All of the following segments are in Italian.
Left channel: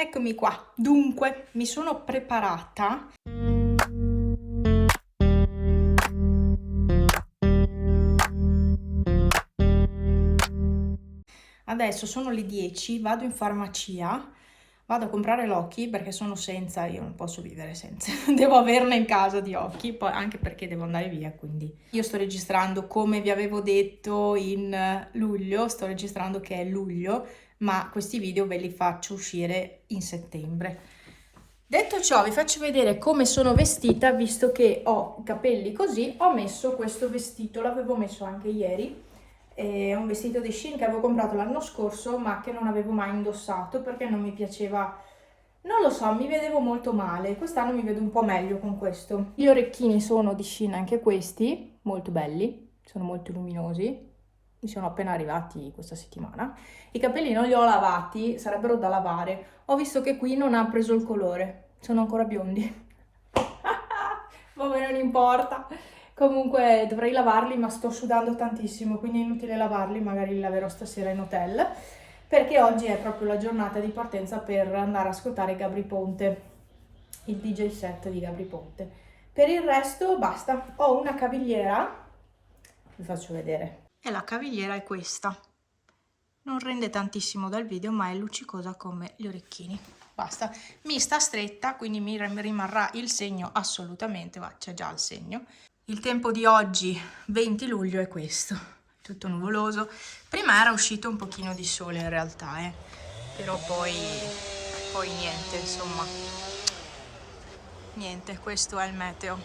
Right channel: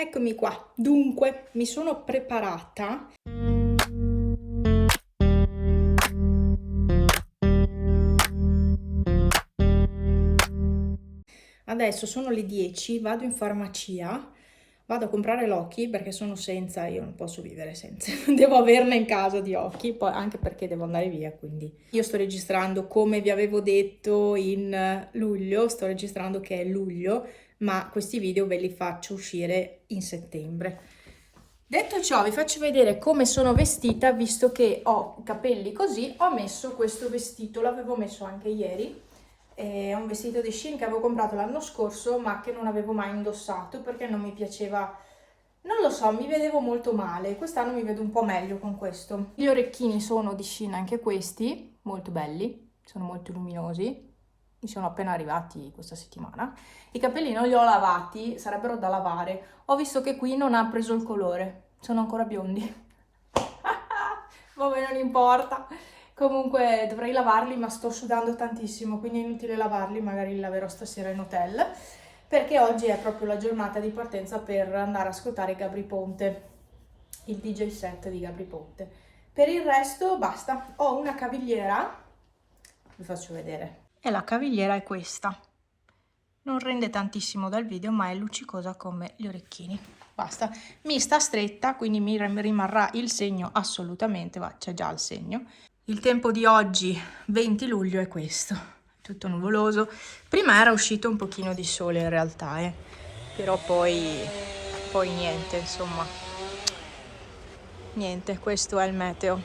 Eccomi qua. Dunque, mi sono preparata. Adesso sono le 10, vado in farmacia, vado a comprare l'occhi perché sono senza, io non posso vivere senza, devo averne in casa di occhi, poi anche perché devo andare via, quindi. Io sto registrando, come vi avevo detto in luglio, sto registrando che è luglio, ma questi video ve li faccio uscire in settembre. Detto ciò, vi faccio vedere come sono vestita, visto che ho i capelli così, ho messo questo vestito, l'avevo messo anche ieri, è un vestito di Shein che avevo comprato l'anno scorso, ma che non avevo mai indossato perché non mi piaceva, non lo so, mi vedevo molto male, quest'anno mi vedo un po' meglio con questo. Gli orecchini sono di Shein anche questi, molto belli, sono molto luminosi, mi sono appena arrivati questa settimana. I capelli non li ho lavati, sarebbero da lavare. Ho visto che qui non ha preso il colore, sono ancora biondi. Vabbè, non importa. Comunque dovrei lavarli, ma sto sudando tantissimo, quindi è inutile lavarli, magari li laverò stasera in hotel, perché oggi è proprio la giornata di partenza per andare a ascoltare Gabry Ponte, il DJ set di Gabry Ponte. Per il resto basta, ho una cavigliera, vi faccio vedere. E la cavigliera è questa. Non rende tantissimo dal video, ma è luccicosa come gli orecchini. Basta. Mi sta stretta, quindi mi rimarrà il segno assolutamente, c'è già il segno. Il tempo di oggi, 20 luglio, è questo. Tutto nuvoloso. Prima era uscito un pochino di sole in realtà, però poi niente, insomma. Niente, questo è il meteo.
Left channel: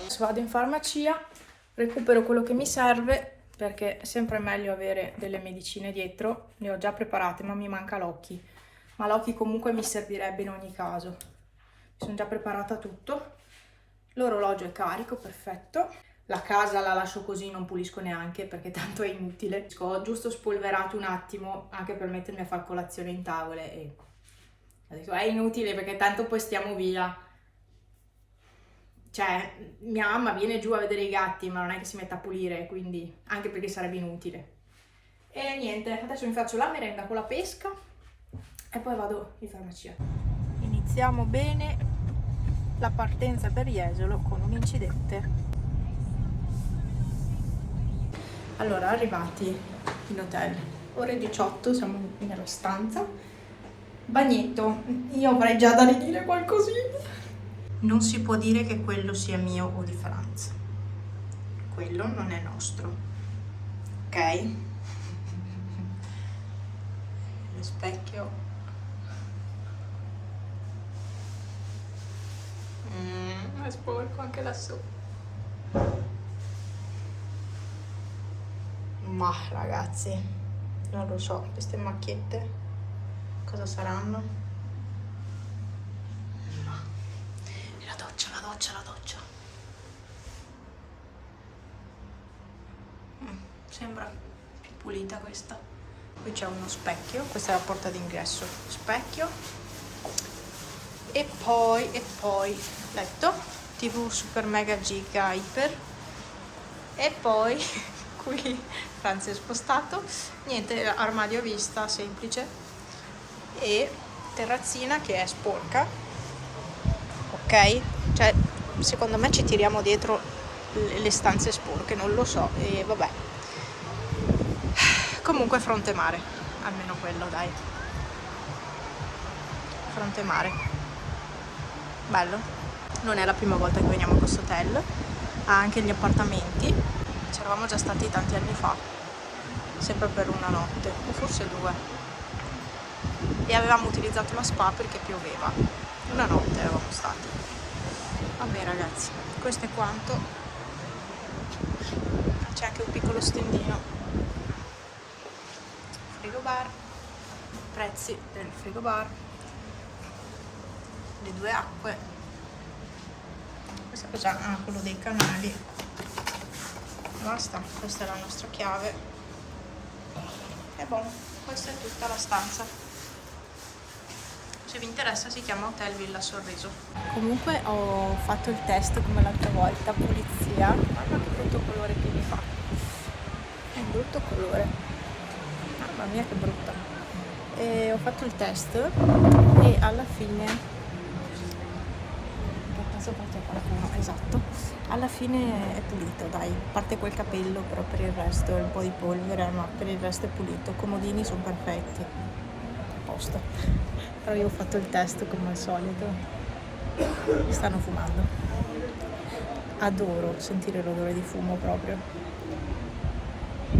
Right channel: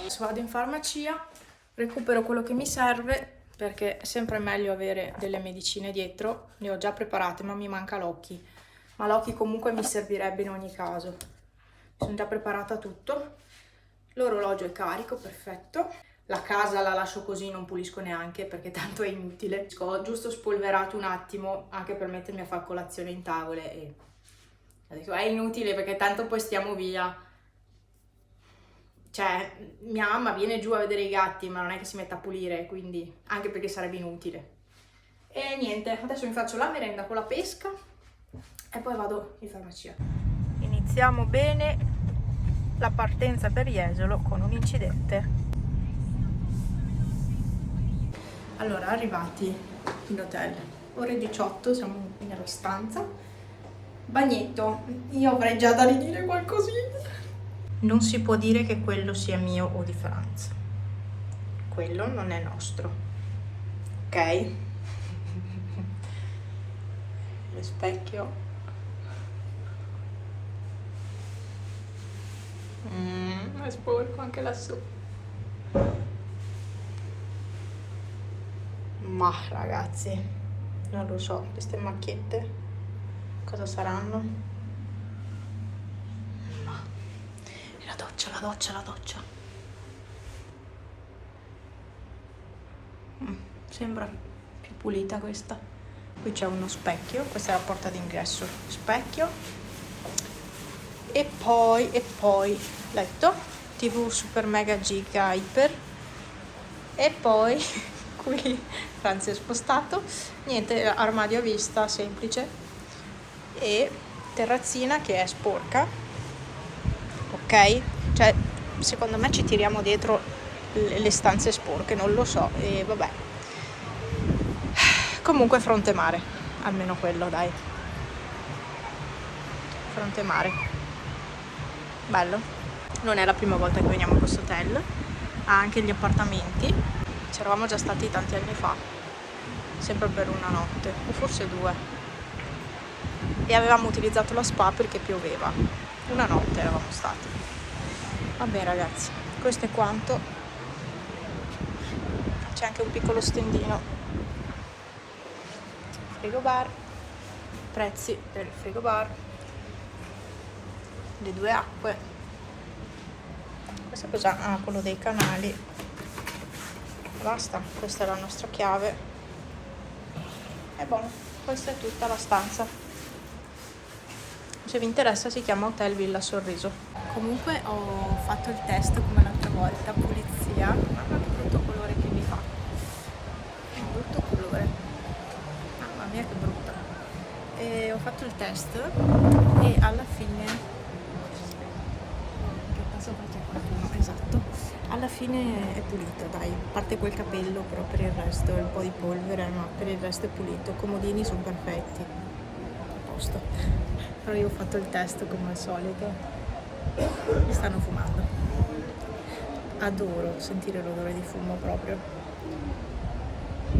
Adesso vado in farmacia, recupero quello che mi serve, perché è sempre meglio avere delle medicine dietro. Le ho già preparate, ma mi manca l'occhi. Ma l'occhi comunque mi servirebbe in ogni caso. Mi sono già preparata tutto. L'orologio è carico, perfetto. La casa la lascio così, non pulisco neanche perché tanto è inutile. Ho giusto spolverato un attimo anche per mettermi a fare colazione in tavole e ho detto è inutile perché tanto poi stiamo via. Cioè, mia mamma viene giù a vedere i gatti, ma non è che si mette a pulire, quindi anche perché sarebbe inutile. E niente, adesso mi faccio la merenda con la pesca e poi vado in farmacia. Iniziamo bene la partenza per Jesolo con un incidente. Allora, arrivati in hotel, ore 18, siamo nella stanza. Bagnetto, io avrei già da ridire qualcosina. Non si può dire che quello sia mio o di Franz. Quello non è nostro. Ok? Lo specchio. È sporco anche lassù. Ma ragazzi, non lo so, queste macchiette cosa saranno? No. La doccia, la doccia, la doccia. Sembra più pulita questa. Qui c'è uno specchio, questa è la porta d'ingresso, specchio. E poi letto, TV super mega giga iper. E poi qui Franz è spostato, niente, armadio a vista semplice e terrazzina che è sporca, ok? Cioè secondo me ci tiriamo dietro le stanze sporche, non lo so, e vabbè. Comunque fronte mare, almeno quello dai, fronte mare, bello. Non è la prima volta che veniamo a questo hotel, ha anche gli appartamenti, ci eravamo già stati tanti anni fa, sempre per una notte, o forse 2, e avevamo utilizzato la spa perché pioveva, una notte eravamo stati. Vabbè ragazzi, questo è quanto, c'è anche un piccolo stendino, frigo bar, prezzi del frigo bar, le 2 acque, questo è già quello dei canali, basta, questa è la nostra chiave e buono, questa è tutta la stanza. Se vi interessa si chiama Hotel Villa Sorriso. Comunque ho fatto il test come l'altra volta, pulizia, mamma che brutto colore che mi fa, un brutto colore, mamma mia che brutta. e ho fatto il test e alla fine, che passo c'è qualcuno, esatto, alla fine è pulito, dai, a parte quel capello, però per il resto è un po' di polvere, ma per il resto è pulito, i comodini sono perfetti, a posto. Però io ho fatto il test come al solito, mi stanno fumando, adoro sentire l'odore di fumo proprio,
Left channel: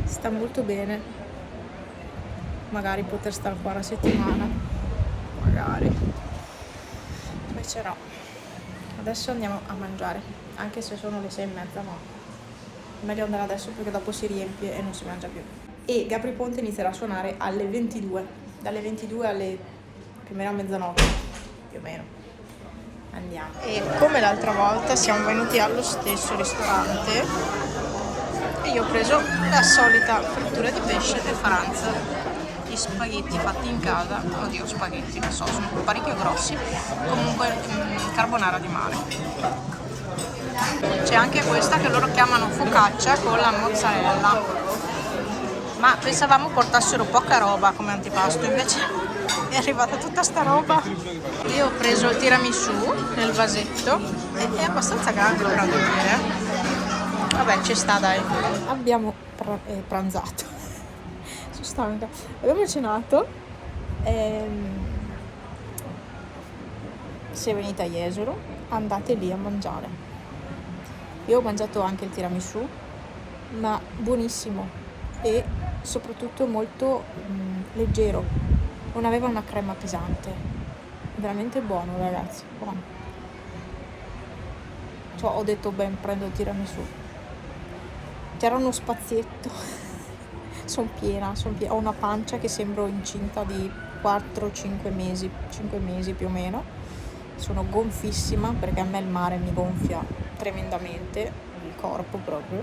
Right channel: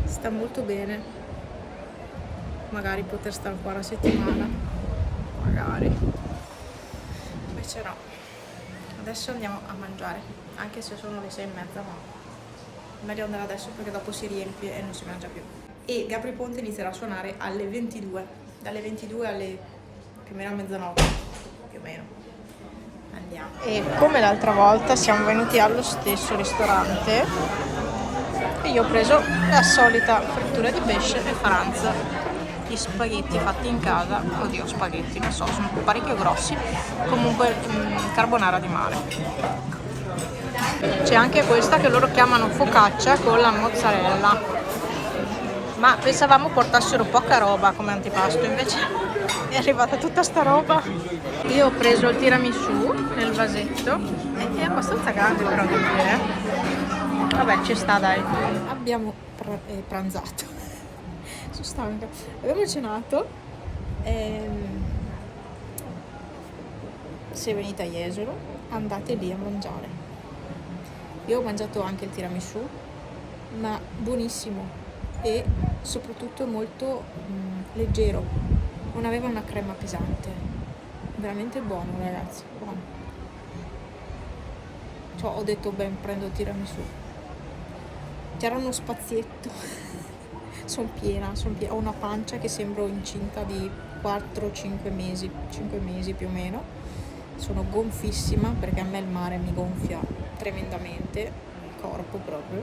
sta molto bene, magari poter stare qua una settimana, magari, invece no. Adesso andiamo a mangiare, anche se sono le 6:30, ma è meglio andare adesso perché dopo si riempie e non si mangia più. E Gabry Ponte inizierà a suonare alle 22, dalle 22 alle più o meno a mezzanotte, più o meno. Andiamo. E come l'altra volta siamo venuti allo stesso ristorante e io ho preso la solita frittura di pesce e faranza. Gli spaghetti fatti in casa, oddio spaghetti, non so, sono parecchio grossi, comunque carbonara di mare. C'è anche questa che loro chiamano focaccia con la mozzarella, ma pensavamo portassero poca roba come antipasto, invece è arrivata tutta sta roba. Io ho preso il tiramisù nel vasetto, è abbastanza grande però devo dire, vabbè ci sta dai. Abbiamo pranzato. Sono stanca. Abbiamo cenato. Se venite a Jesolo, andate lì a mangiare. Io ho mangiato anche il tiramisù, ma buonissimo e soprattutto molto leggero. Non aveva una crema pesante. Veramente buono, ragazzi, buono. Cioè, ho detto, ben, prendo il tiramisù. C'era uno spazietto. Sono piena, ho una pancia che sembro incinta di 4-5 mesi, 5 mesi più o meno. Sono gonfissima perché a me il mare mi gonfia tremendamente, il corpo proprio.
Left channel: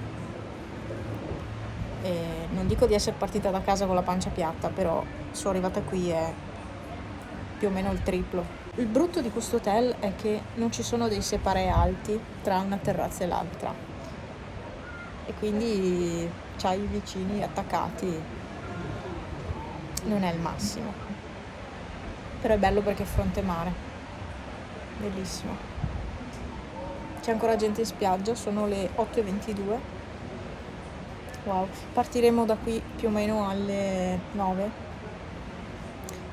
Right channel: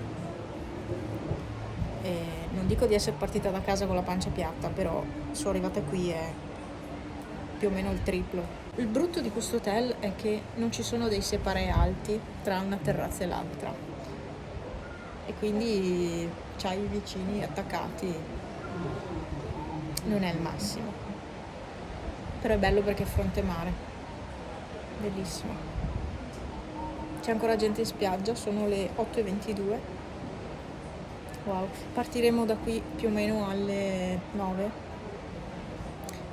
E non dico di essere partita da casa con la pancia piatta, però sono arrivata qui e più o meno il triplo. Il brutto di questo hotel è che non ci sono dei separé alti tra una terrazza e l'altra. E quindi c'hai i vicini attaccati, non è il massimo, però è bello perché è fronte mare, bellissimo. C'è ancora gente in spiaggia, sono le 8:22. Wow, partiremo da qui più o meno alle 9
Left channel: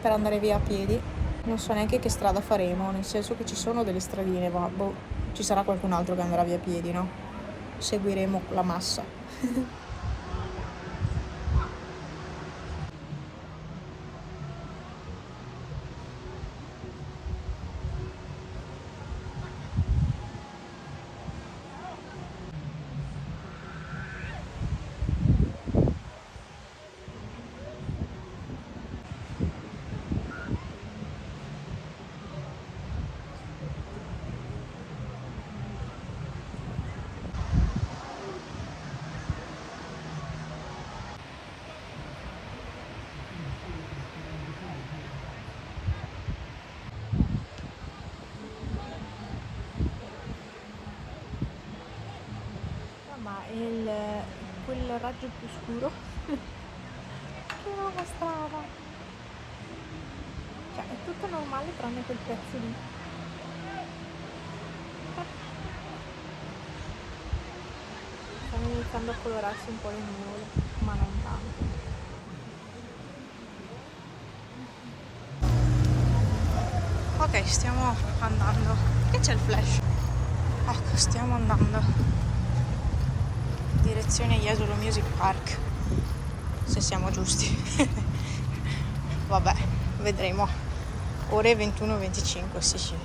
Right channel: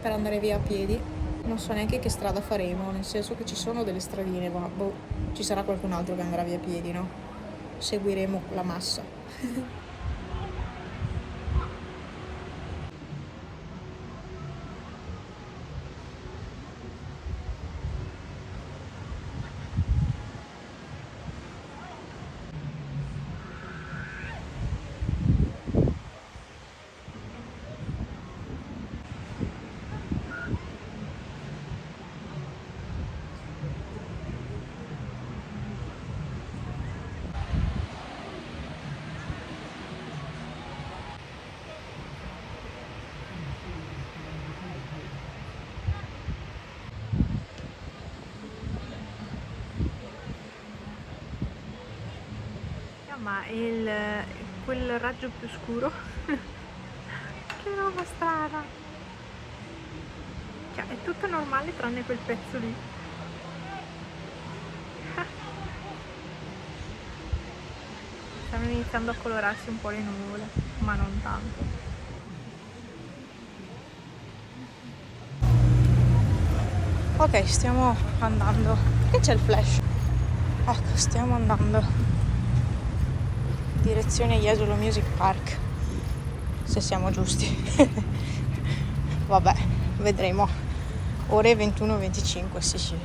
per andare via a piedi. Non so neanche che strada faremo, nel senso che ci sono delle stradine, ma boh, ci sarà qualcun altro che andrà via a piedi, no? Seguiremo la massa. Ma quel raggio più scuro che roba strana, cioè è tutto normale tranne quel pezzo lì. Stanno iniziando a colorarsi un po' le nuvole, ma non tanto. Ok, stiamo andando. Perché c'è il flash? Ecco, stiamo andando direzione Jesolo Music Park, se siamo giusti. Vabbè, vedremo. Ore 21:25, sì.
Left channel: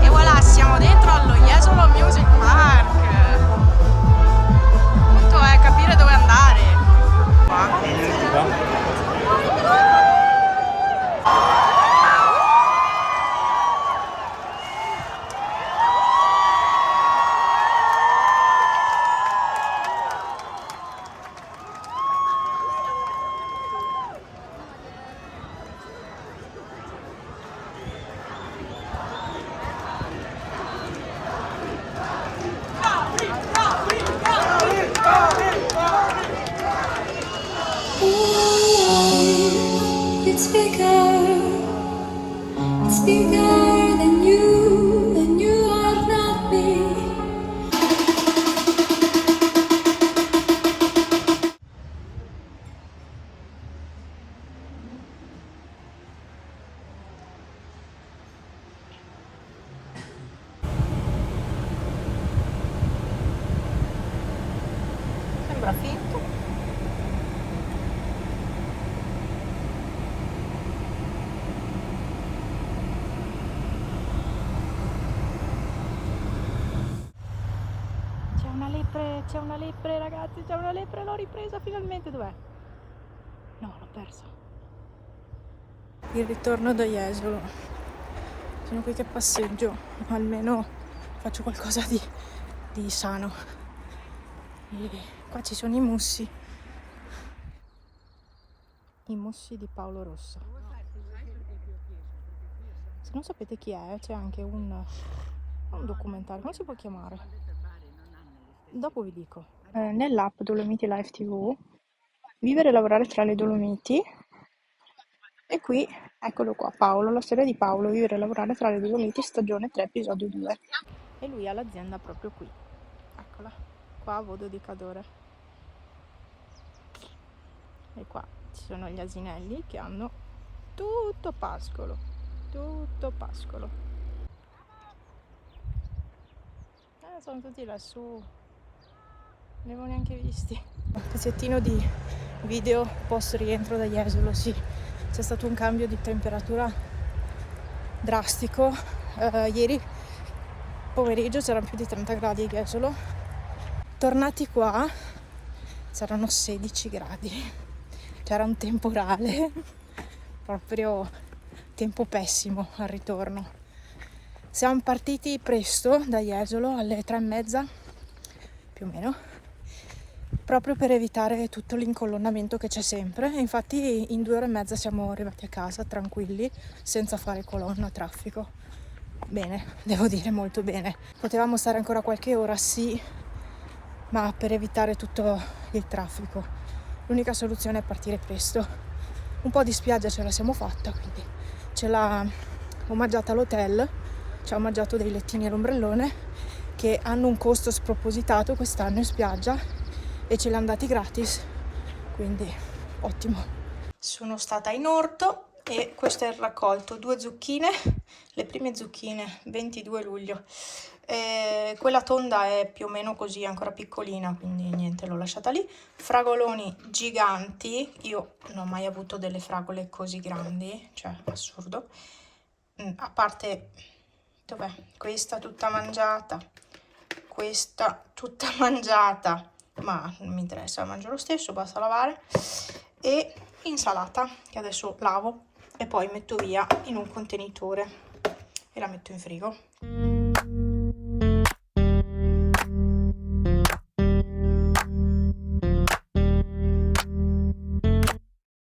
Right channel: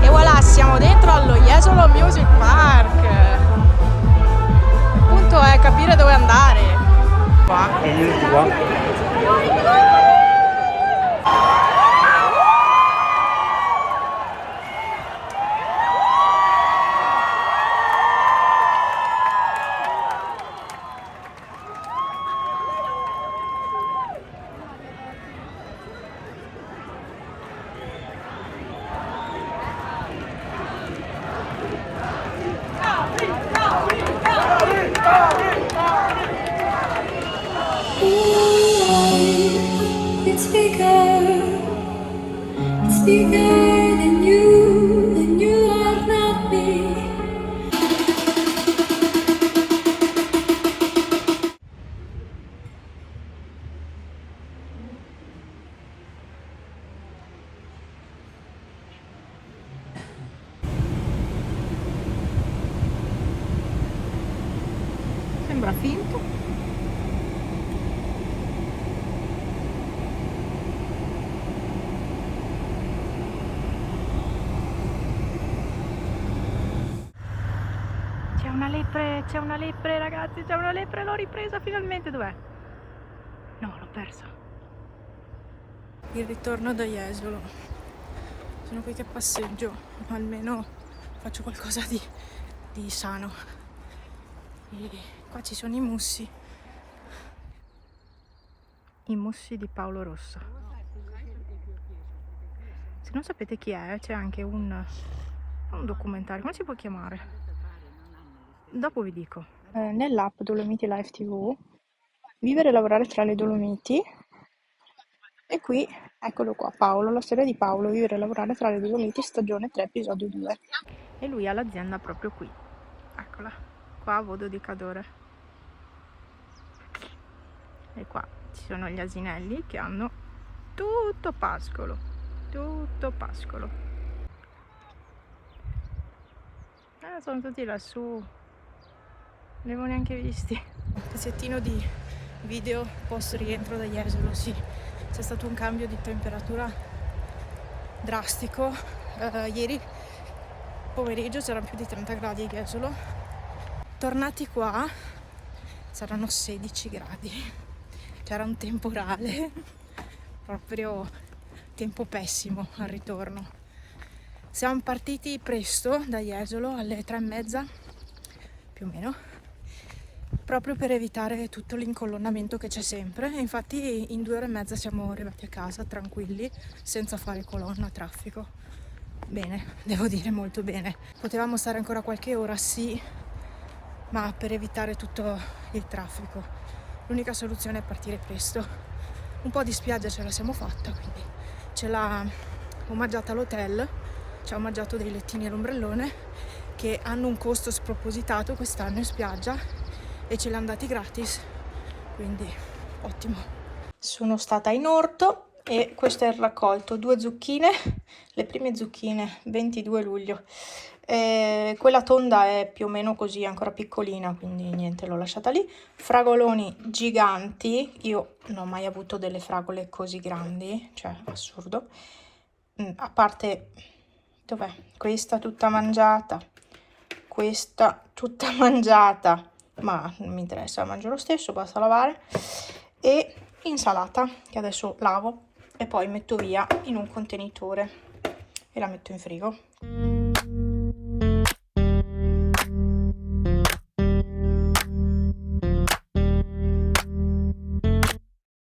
E voilà, siamo dentro allo Jesolo Music Park. Il punto è capire dove andare. Qua. It's bigger than you are not me. Sembra finto. C'è una lepre ragazzi, c'è una lepre, l'ho ripresa finalmente, dov'è? No, l'ho persa. Il ritorno da Jesolo. Sono qui che passeggio, almeno faccio qualcosa di sano. E qua ci sono i mussi di Paolo Rosso. Se non sapete chi è, c'è anche un documentario, come si può chiamare? Dopo vi dico. Nell'app Dolomiti Live TV, vivere e lavorare tra le Dolomiti, e qui, eccolo qua, Paolo, la storia di Paolo, vivere e lavorare tra le Dolomiti, stagione 3, episodio 2. E lui ha l'azienda proprio qui, eccola, qua a Vodo di Cadore. E qua ci sono gli asinelli che hanno tutto pascolo, tutto pascolo. Sono tutti lassù, non li avevo neanche visti. Un pezzettino di video post rientro da Jesolo, sì, c'è stato un cambio di temperatura drastico. Ieri pomeriggio c'erano più di 30 gradi a Jesolo, tornati qua c'erano 16 gradi, c'era un temporale, proprio tempo pessimo al ritorno. Siamo partiti presto da Jesolo alle 3:30 più o meno, proprio per evitare tutto l'incolonnamento che c'è sempre. E infatti in 2 ore e mezza siamo arrivati a casa tranquilli, senza fare colonna, traffico. Bene, devo dire molto bene. Potevamo stare ancora qualche ora, sì, ma per evitare tutto il traffico l'unica soluzione è partire presto. Un po' di spiaggia ce la siamo fatta, quindi ce l'ha omaggiata l'hotel, ci ha omaggiato dei lettini all'ombrellone che hanno un costo spropositato quest'anno in spiaggia e ce li hanno dati gratis, quindi ottimo. Sono stata in orto e questo è il raccolto: 2 zucchine, le prime zucchine, 22 luglio. Quella tonda è più o meno così, ancora piccolina, quindi niente, l'ho lasciata lì. Fragoloni giganti, io non ho mai avuto delle fragole così grandi, cioè assurdo. A parte, dov'è? Questa tutta mangiata, questa tutta mangiata, ma non mi interessa, la mangio lo stesso, basta lavare. E insalata che adesso lavo e poi metto via in un contenitore e la metto in frigo.